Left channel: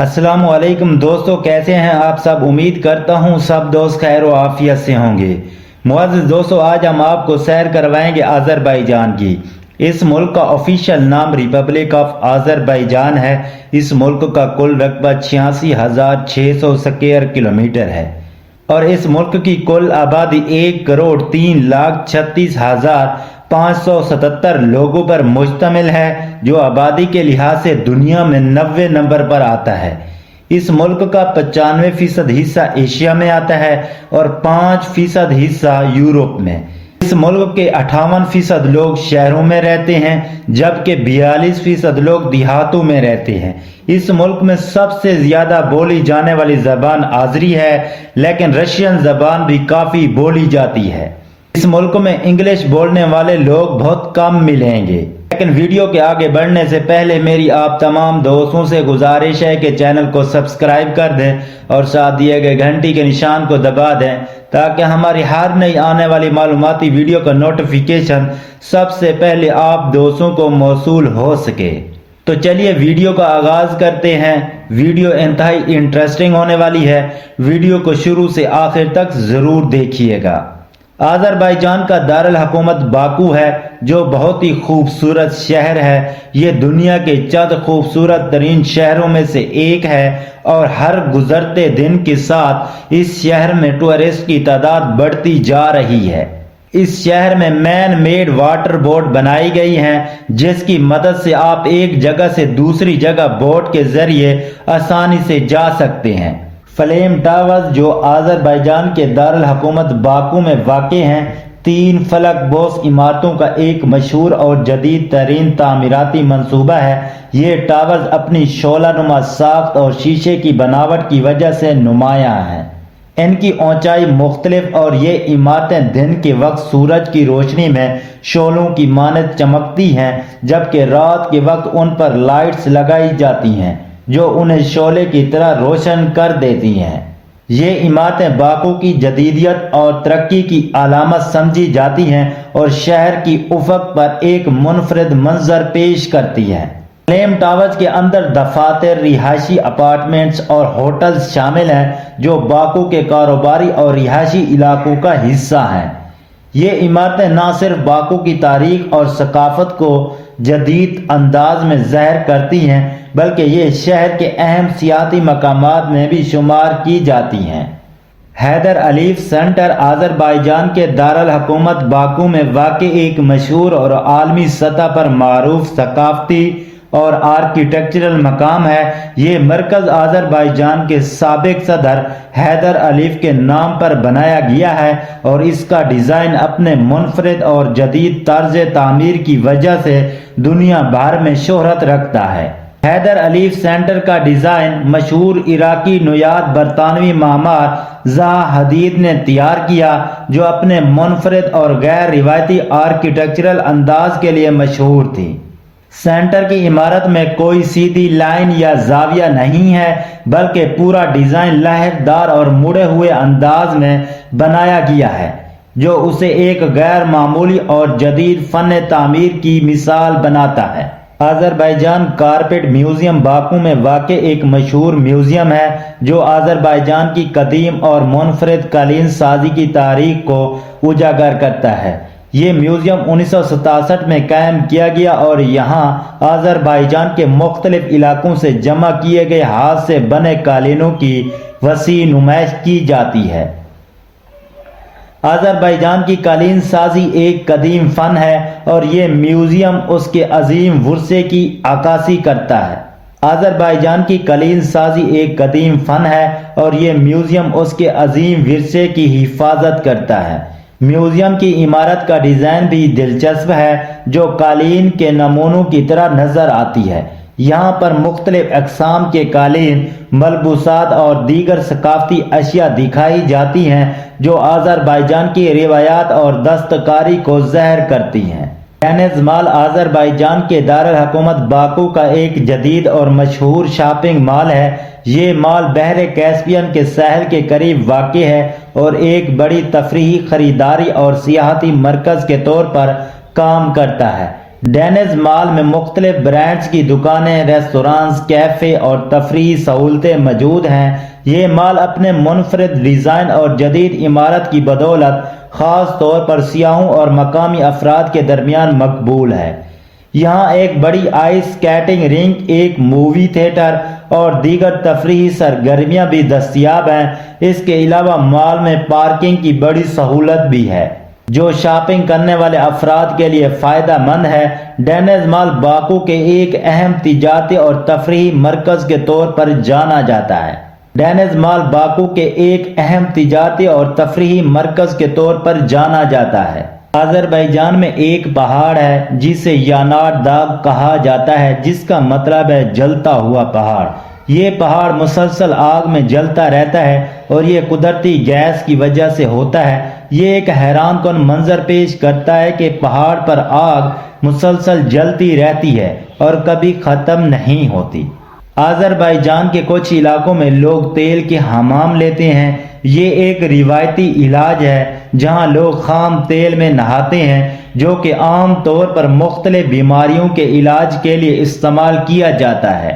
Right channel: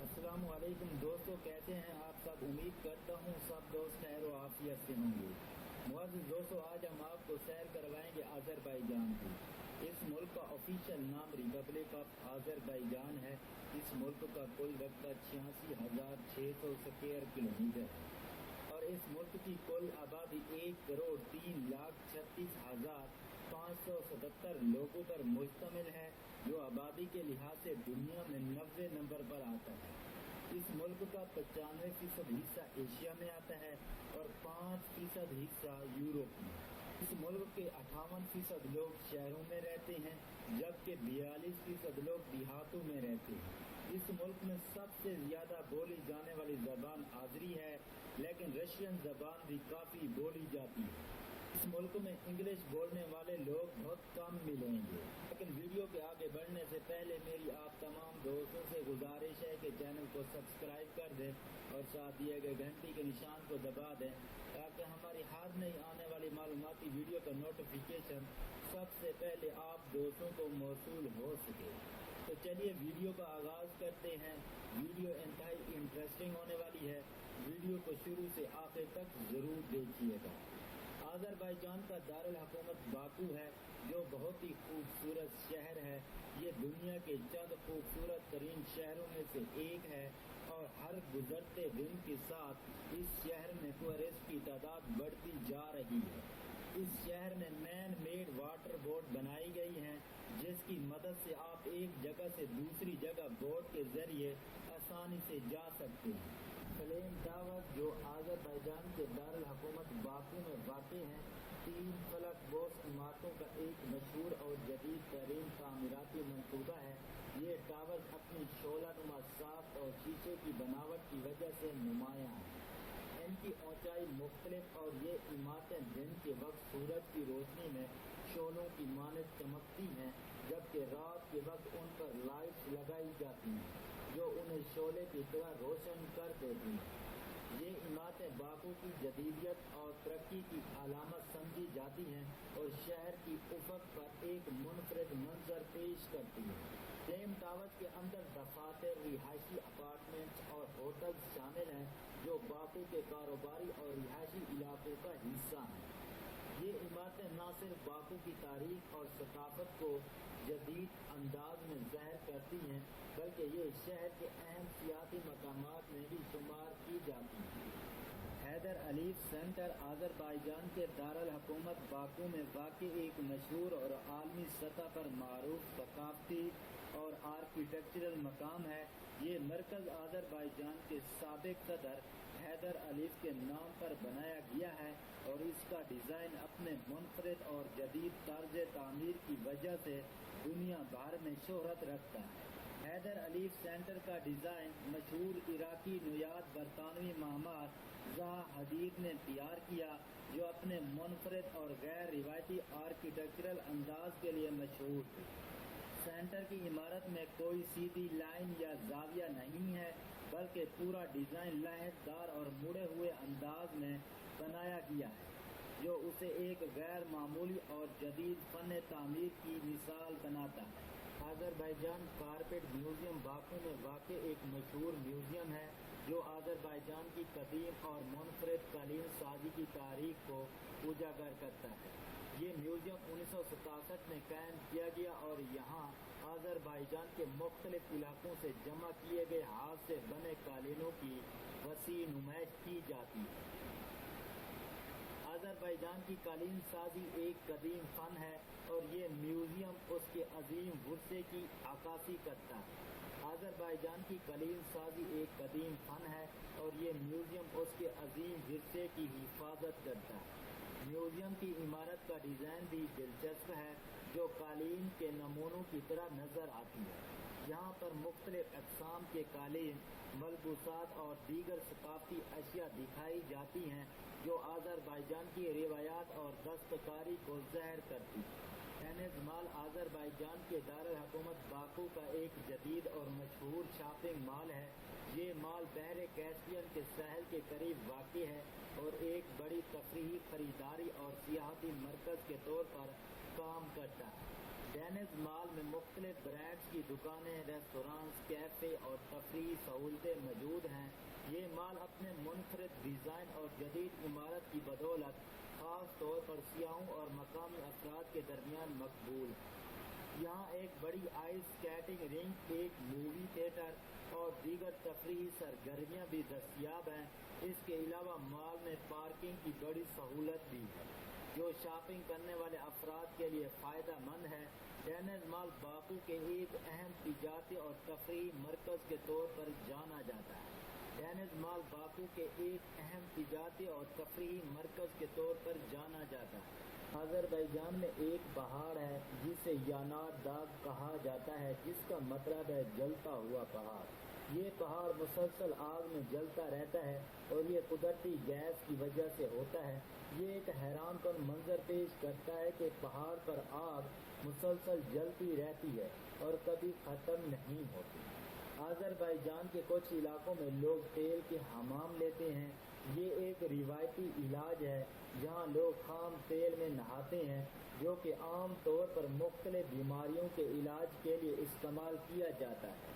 अस्सलाम वालेकुम दोस्तों, कैसे हैं आप सब। उम्मीद करता हूं सब दोस्त खैर व आफियत से होंगे। मुअज़्ज़िज़ दोस्तों, आज हम आपको सैर करवाएंगे आज़रबाईजान की। इस मुल्क का ऑफिशियल नाम रिपब्लिक ऑफ आज़रबाईजान है। इस मुल्क का कुल रकबा 86,600 स्क्वायर किलोमीटर है और इस मुल्क की कुल आबादी 1,03,36,577 लोगों पर मुश्तमिल है, जो आबादी के लिहाज से दुनिया में 90 नंबर पर आता है। इस मुल्क का 95% हिस्सा एशिया में आता है और 5% हिस्सा यूरोप में। इस मुल्क के 58% लोग शहरों में रहते हैं, जबकि 42% लोग देहातों में रहते हैं। इस मुल्क में सबसे ज्यादा बोली जाने वाली जबान आज़री है, लेकिन रशियन जबान भी काफी बोली जाती है। इस मुल्क में इंग्लिश बोलने वाले लोग बहुत कम मिलेंगे। लेकिन वीडियो के आगे बढ़ने से पहले मेरी आप तमाम दोस्तों से गुजारिश है कि चैनल को सब्सक्राइब कर दें और साथ दिए गए घंटी के निशान को दबा दें, ताकि हमारी हर नई आने वाली मालूमाती वीडियो का नोटिफिकेशन सबसे पहले आप दोस्तों को मौसूल हो सके। तो चलिए वीडियो का आगाज करते हैं। वीडियो इंतहाई इंटरेस्टिंग होने वाली है। वीडियो को शुरू से आखिर तक जरूर देखिएगा। आज़रबाईजान का दारुल हुकूमत बाकू है, जो बहुत ही खूबसूरत शहर है। ये दुनिया के चंद खूबसूरत तरीन शहरों में से एक है और हर गुजरते दिन के साथ इस शहर में टूरिस्ट की तादाद बढ़ती जा रही है। इस शहर में मैन मेड वाटर बोट बनाई गई हैं, जिसकी मदद से आप एक जगह से दूसरी जगह बोट के जरिए आसानी से जा सकते हैं। फ्लेम टावर्स, जो आज़रबाईजान के दारुल हुकूमत बाकू में वाक़े हैं, 3 फलक बोस इमारतों का एक मशहूर और जदीद तरीन तामीराती मंसूबा है। ये टावर्स अपनी शोलानुमा साख्त और शीशे की बनावट की वजह से नुमायां हैं। इनकी ऊंचाई मुख्तलिफ और ये इमारतें दिन के वक्त सूरज की रोशनी में शोलों की मानद चमकती हैं, जबकि रात के वक्त उन पर लाइट्स लगाई जाती हैं जो उन्हें शोले की तरह रोशन कर देती हैं। ये इमारतें बाकू की जदीदियत और तरक्की की अलामत समझी जाती हैं और शहर की उफक पर एक मुनफरिद मंजर पेश करती हैं। फ्लेम टावर्स के अंदर दफातर, रिहायशी अपार्टमेंट्स और होटल्स शामिल हैं, जो बाकू के कारोबारी और रिहायशी इलाकों का हिस्सा हैं। ये इमारतें न सिर्फ बाकू की तारीख और सकाफत को जदीद अंदाज में ज़ाहिर करती हैं, बल्कि ये शहर के अहम सियाती मकामात में भी शुमार की जाती हैं। हैदर अलीफ सेंटर आज़रबाईजान के दारुल हुकूमत बाकू में वाक़ एक मशहूर और आलमी सतह पर मारूफ सकाफती और आर्किटेक्चरल मकाम है। ये मरकज़ आज़रबाईजान के साबिक सदर हैदर अलीफ के नाम पर बनाया गया है और इसका डिज़ाइन अपने मुनफरिद और जदीद तर्ज तामीर की वजह से दुनिया भर में शोहरत रखता है। हैदर अलीफ सेंटर का डिज़ाइन मशहूर इराकी नोयाद बरतानवी मामार ज़हा हदीद ने तैयार किया, जो अपने मुनफरिद और गैर रिवायती आर्किटेक्चरल अंदाज के लिए मशहूर थी। सेंटर की इमारत में कोई सीधी लाइन या जाविया नहीं है, बल्कि पूरा डिजाइन लहरदार और मुड़े हुए अंदाज में बनाया गया है, जो उसे एक गैर मामूली और जदीद फन तामीर की मिसाल बनाता है। आज़रबाईजान कारपेट म्यूजियम बाकू में वाक़ एक मशहूर म्यूजियम है, जो आज़रबाईजान की कदीम और मुनफरिद कालीन साजी की तारीख को उजागर करता है। ये म्यूजियम 1967 में कायम किया गया और यहाँ आज़रबाईजान के मुख्तलिफ इलाकों से जमा किए गए हाथ से बने कालीनों की वसी नुमाइश की जाती है। आज़रबाईजान की कालीन साजी एक कदीम फन है और ये म्यूजियम उसके अजीम वरसे की अक्कासी करता है। आज़रबाईजान की कालीन साजी एक कदीम फन है और ये म्यूजियम उसके अजीम विरसे की हिफाजत करता है। म्यूजियम की इमारत का डिज़ाइन भी दिलचस्प है, जो कालीन के नमूनों की तरह नजर आती है। यहाँ पर मुख्तलिफ अक़साम के कालीन, मलबूसात और दीगर सकाफती अशिया दिखाई जाती हैं, जो आज़रबाईजान की रिवायात और दस्तकारी को ज़ाहिर करती हैं। डेनिस मॉल आज़रबाईजान के दारुल हुकूमत बाकू का एक जदीद और मशहूर शॉपिंग मॉल है। ये मॉल बहरे कैस्पियन के साहिल के करीब वाक़े है और एक बड़ी तफरीही खरीदारी और सियाहती मरकज़ के तौर पर काम करता है। ڈینز مال میں مختلف برانڈز کی دکانیں، ریسٹورانز، کیفے اور تفریحی سہولتیں موجود ہیں۔ یہ مال اپنے منفرد ڈیزائن اور جدید عمارت کی بدولت خاص طور پر سیاحوں اور مقامی افراد کے درمیان مقبول ہے۔ یہاں ایک بڑی آئس سکیٹنگ رنک، ایک مووی تھیٹر اور دیگر تفریحی سرگرمیاں بھی دستیاب ہیں۔ اس کے علاوہ مال میں پارکنگ کی بڑی سہولت بھی ہے، جو شاپنگ کرنے والے افراد کے لیے فائدہ مند ہے۔ ڈینز مال باکو کے ایک اہم تجارتی اور تفریحی مرکز کے طور پر جانا جاتا ہے۔ ڈینز مال باکو کے ایک اہم تجارتی اور تفریحی مرکز کے طور پر جانا جاتا ہے۔ آذربائیجان میں ایک پہاڑ ہے جسے یانار داغ کہا جاتا ہے، جس کا مطلب ہے جلتا ہوا پہاڑ۔ یہ پہاڑ مسلسل آگ میں جلتا رہتا ہے اور یہ قدرتی گیس کی وجہ سے ہوتا ہے۔ یہ ایک حیران کن منظر پیش کرتا ہے کہ پہاڑ پر آگ مسلسل جلتی رہتی ہے اور کبھی ختم نہیں ہوتی۔ آذربائیجان کے کچھ علاقوں میں لوگ تیل کے حمام لیتے ہیں۔ یہ ایک روایتی علاج ہے جہاں لوگ خام تیل میں نہاتے ہیں، جو کہ عام طور پر مختلف بیماریوں کے علاج کے لیے استعمال کیا جاتا ہے۔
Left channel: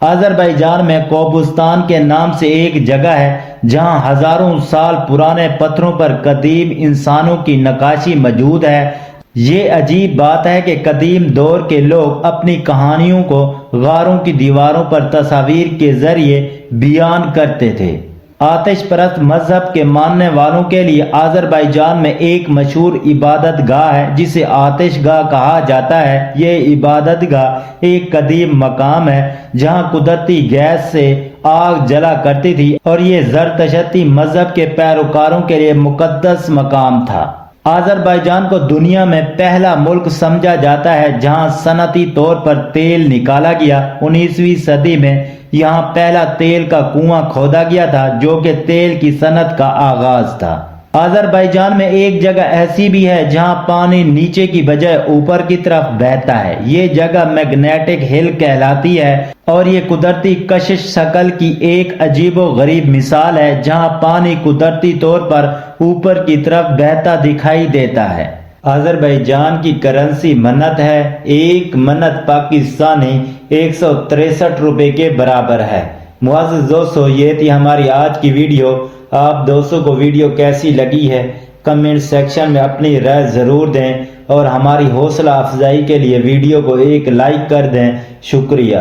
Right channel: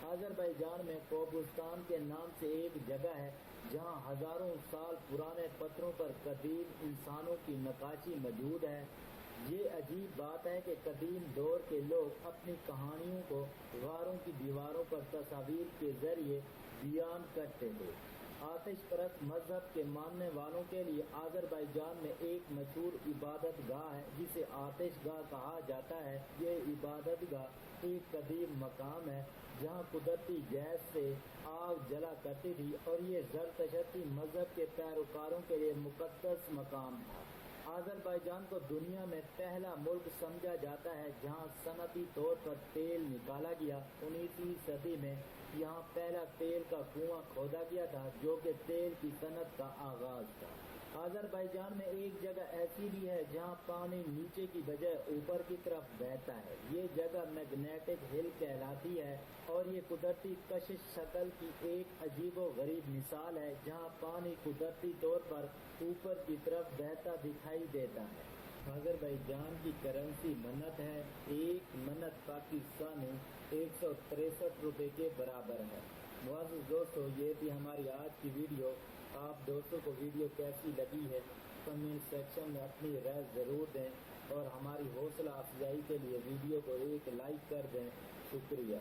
آذربائیجان میں کوبستان کے نام سے ایک جگہ ہے جہاں ہزاروں سال پرانے پتھروں پر قدیم انسانوں کی نقاشی موجود ہے۔ یہ عجیب بات ہے کہ قدیم دور کے لوگ اپنی کہانیوں کو غاروں کی دیواروں پر تصاویر کے ذریعے بیان کرتے تھے۔ آتش پرست مذہب کے ماننے والوں کے لیے آذربائیجان میں ایک مشہور عبادت گاہ ہے جسے آتش گاہ کہا جاتا ہے۔ یہ عبادت گاہ ایک قدیم مقام ہے جہاں قدرتی گیس سے آگ جلا کرتی تھی اور یہ زرتشتی مذہب کے پیروکاروں کے لیے مقدس مقام تھا۔ آذربائیجان کو دنیا میں پہلا ملک سمجھا جاتا ہے جہاں صنعتی طور پر تیل نکالا گیا۔ 19ویں صدی میں یہاں پہلا تیل کا کنواں کھودا گیا تھا، جو کہ تیل کی صنعت کا آغاز تھا۔ آذربائیجان میں ایک جگہ ایسی بھی ہے جہاں پانی نیچے کی بجائے اوپر کی طرف بہتا ہے۔ یہ جگہ میگنیٹک ہل کہلاتی ہے اور یہ قدرتی کشش شکل کی ایک عجیب و غریب مثال ہے جہاں پانی قدرتی طور پر اوپر کی طرف بہتا دکھائی دیتا ہے۔ آذربائیجان کی کرنسی منت ہے۔ ایک منت پاکستانی 163 روپے کے برابر ہے۔ معزز دوستو، یہ تھی ہماری آج کی ویڈیو۔ آپ دوستوں کو ویڈیو کیسی لگی ہے کمنٹ سیکشن میں اپنی رائے ضرور دیں اور ہماری حوصلہ افزائی کے لیے ویڈیو کو ایک لائک کر دیں۔ شکریہ۔